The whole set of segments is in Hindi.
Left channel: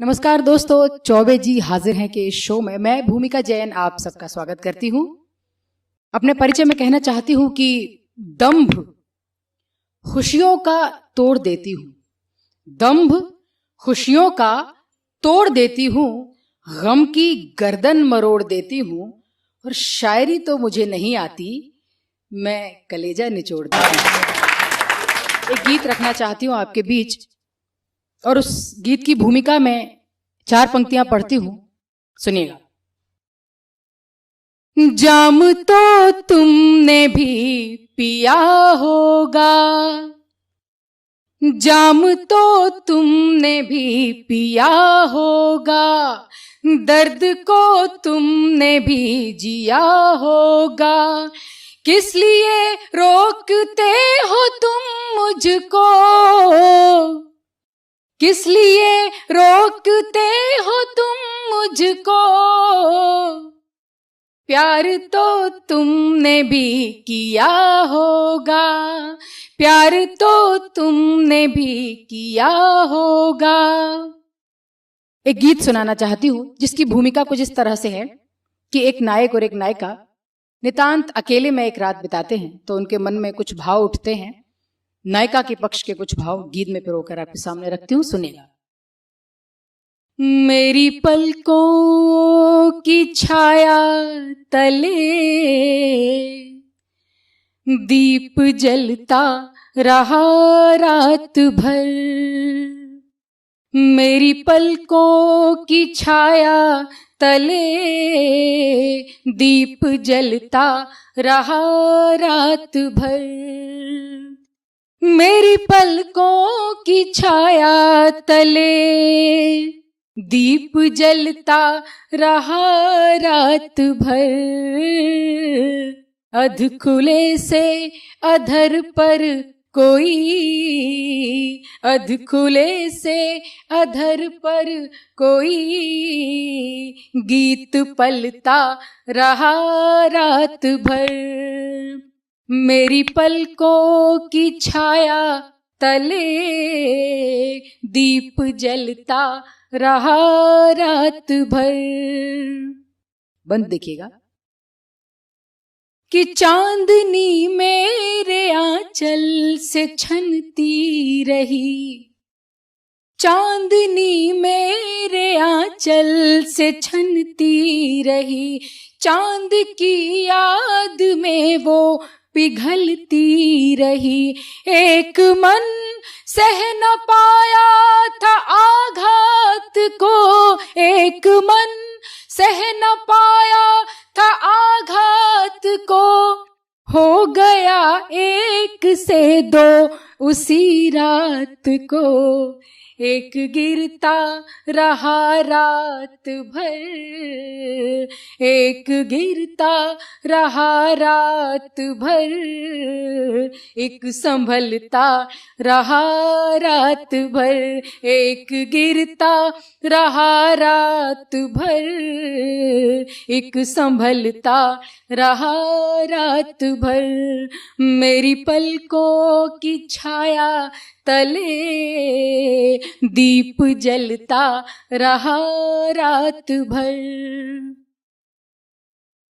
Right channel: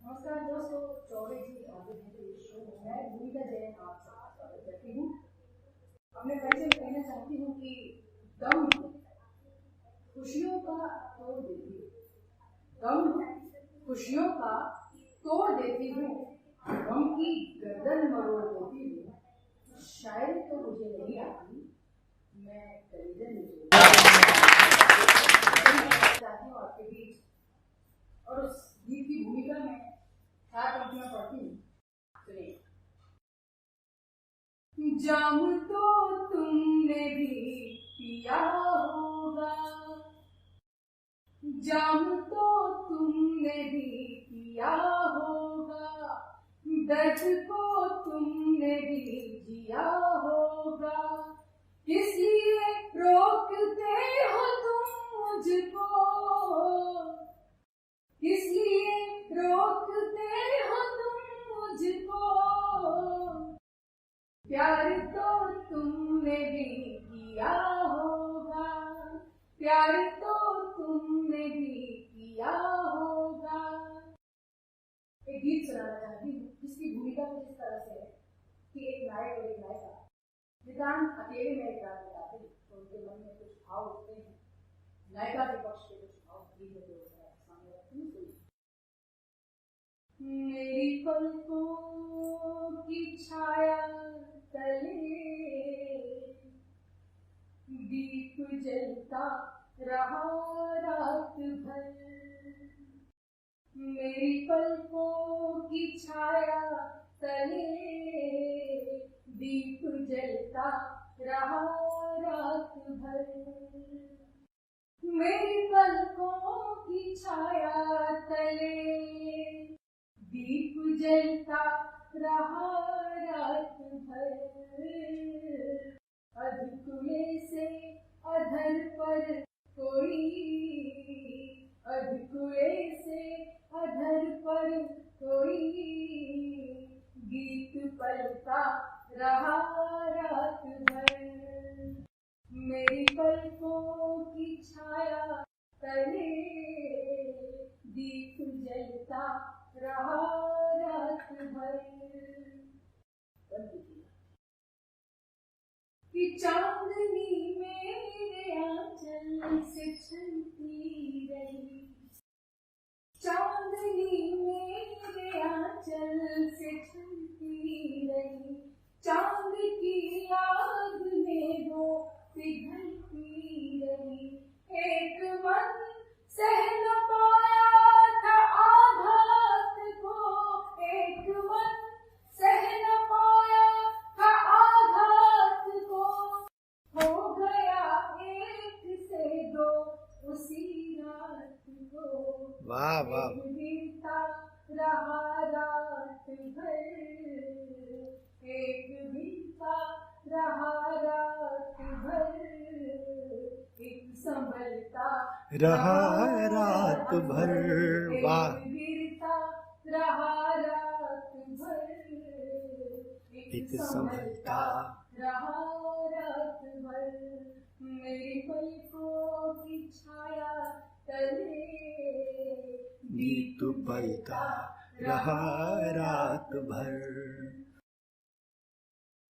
नमस्कार दोस्तों, चौबे जी हाजिर हैं कि इस शो में मैं भूमिका जैन आप सबका स्वागत करती हूँ। अपने परिचय में कहना चाहती हूँ कि दंभ खुशियों का तोड़ देती हूँ, दंभ खुशियों का तोड़ देती हूँ, गम की गर्दन मरोड़ देती हूँ, और शायरी तो मुझे नहीं आती, मैं कलेजा निचोड़ देती हूँ। एक गीत रखना चाहती हूँ आपके बीच, और उस गीत की भूमिका में 4 पंक्तियां पढ़ती हूं, सुनिएगा। जाम तो तुमने भी पिया होगा, जाम तो तुमने भी पिया होगा, दर्द को तुमने भी जिया होगा, किस लिए रोकते हो तुम मुझको, किस लिए रोकते हो तुम मुझको, प्यार तो तुमने भी किया होगा, प्यार तो तुमने भी किया होगा। एक गीत सुनाना चाहती हूँ जिसकी भूमिका कुछ इस तरह से है कि एक नायक और एक नायिका नितांत अकेले में एक रात बिताते हैं, तो उनके मन में कुछ भाव उठते हैं। नायिका के पक्ष के कुछ भाव गीत में पिरोकर आपके सामने रखती हूँ, सुनिएगा। मेरी पलकों की छाया तले दीप जलता रहा रात भर, मेरी पलकों की छाया तले दीप जलता रहा रात भर, मेरी पलकों की छाया तले दीप जलता रहा रात भर, अध खुले से अधर पर कोई, अध खुले से अधर पर कोई गीत पलता रहा रात भर, मेरी पलकों की छाया तले दीप जलता रहा रात भर। बंद देखिएगा कि चांदनी मेरे आंचल से छनती रही, चांदनी मेरे आंचल से छनती रही, चांद की याद में वो पिघलती रही, एक मन सह न पाया था आघात को, एक मन सह न पाया था आघात को, हो गया एक से दो उसी रात को, एक गिरता रहा रात भर, एक गिरता रहा रात भर, एक संभलता रहा रात भर, एक गिरता रहा रात भर, एक संभलता रहा रात भर, मेरी पलकों की छाया तले दीप जलता रहा रात भर,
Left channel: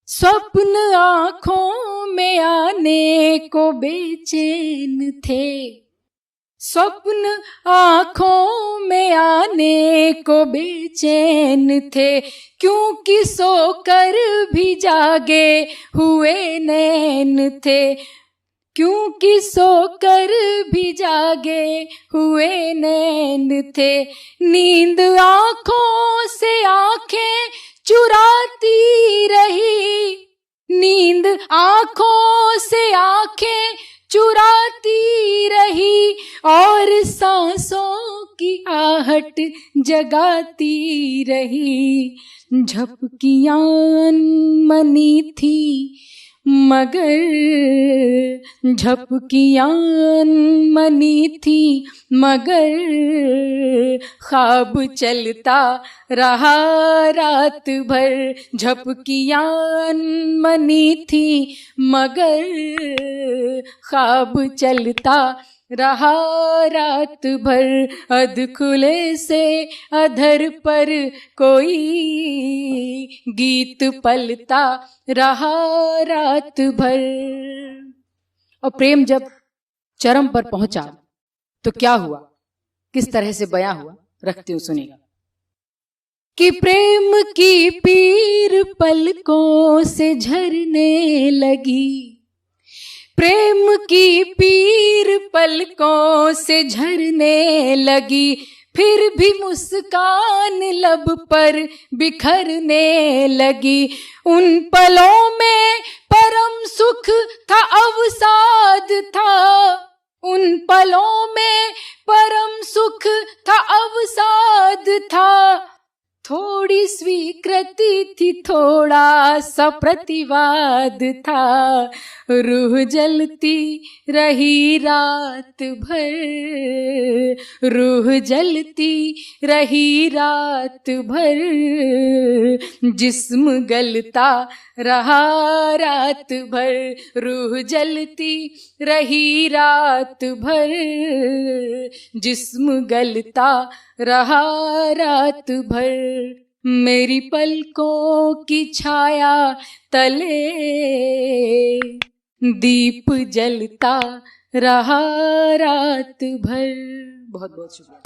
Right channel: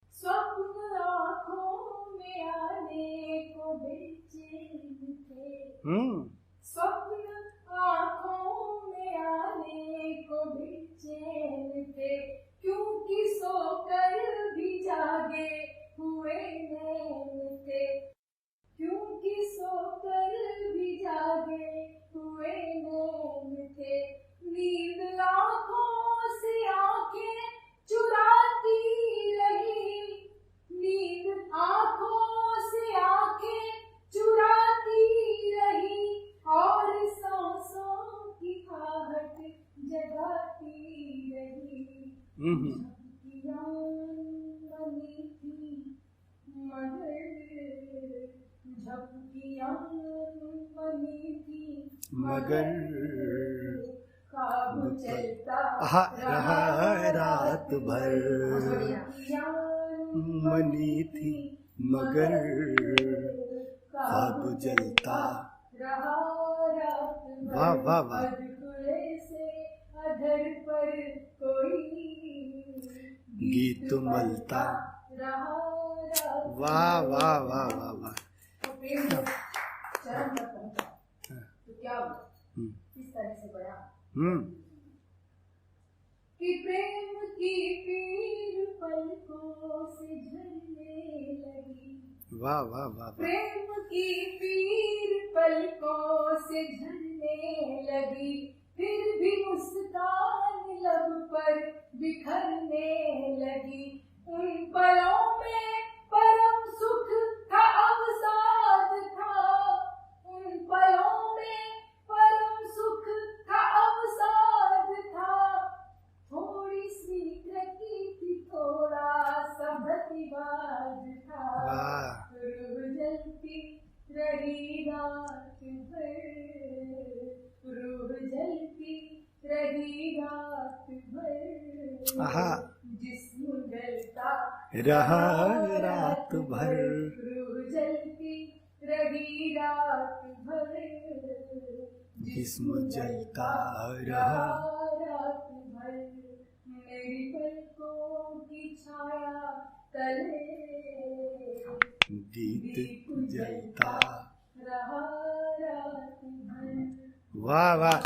स्वप्न आँखों में आने को बेचैन थे, स्वप्न आँखों में आने को बेचैन थे, क्योंकि सोकर भी जागे हुए नैन थे, क्योंकि सोकर भी जागे हुए नैन थे, नींद आँखों से आँखें चुराती रही, नींद आँखों से आँखें चुराती रही, और सांसों की आहट जगाती रही, झपकियां अनमनी थी मगर, झपकियां अनमनी थी मगर, ख्वाब चलता रहा रात भर, झपकियां अनमनी थी मगर, ख्वाब चलता रहा रात भर, अध खुले से अधर पर कोई गीत पलता रहा रात भर। और प्रेम जब चरम पर पहुंचा तो क्या हुआ, किस तरह से बयां हुआ, रखती हूँ सुनिएगा। कि प्रेम की पीर पलकों से झरने लगी, प्रेम की पीर पलकों से झरने लगी, फिर भी मुस्कान लब पर बिखरने लगी। उन पलों में परम सुख था, अवसाद था, उन पलों में परम सुख था, अवसाद था। थोड़ी स्वीकृति थी, थोड़ा सा प्रतिवाद था। रूह जलती रही रात भर, रूह जलती रही रात भर, जिस्म गलता रहा रात भर। रूह जलती रही रात भर, जिस्म गलता रहा रात भर। मेरी पलकों की छाया तले दीप जलता रहा रात भर। बहुत वाह वाह।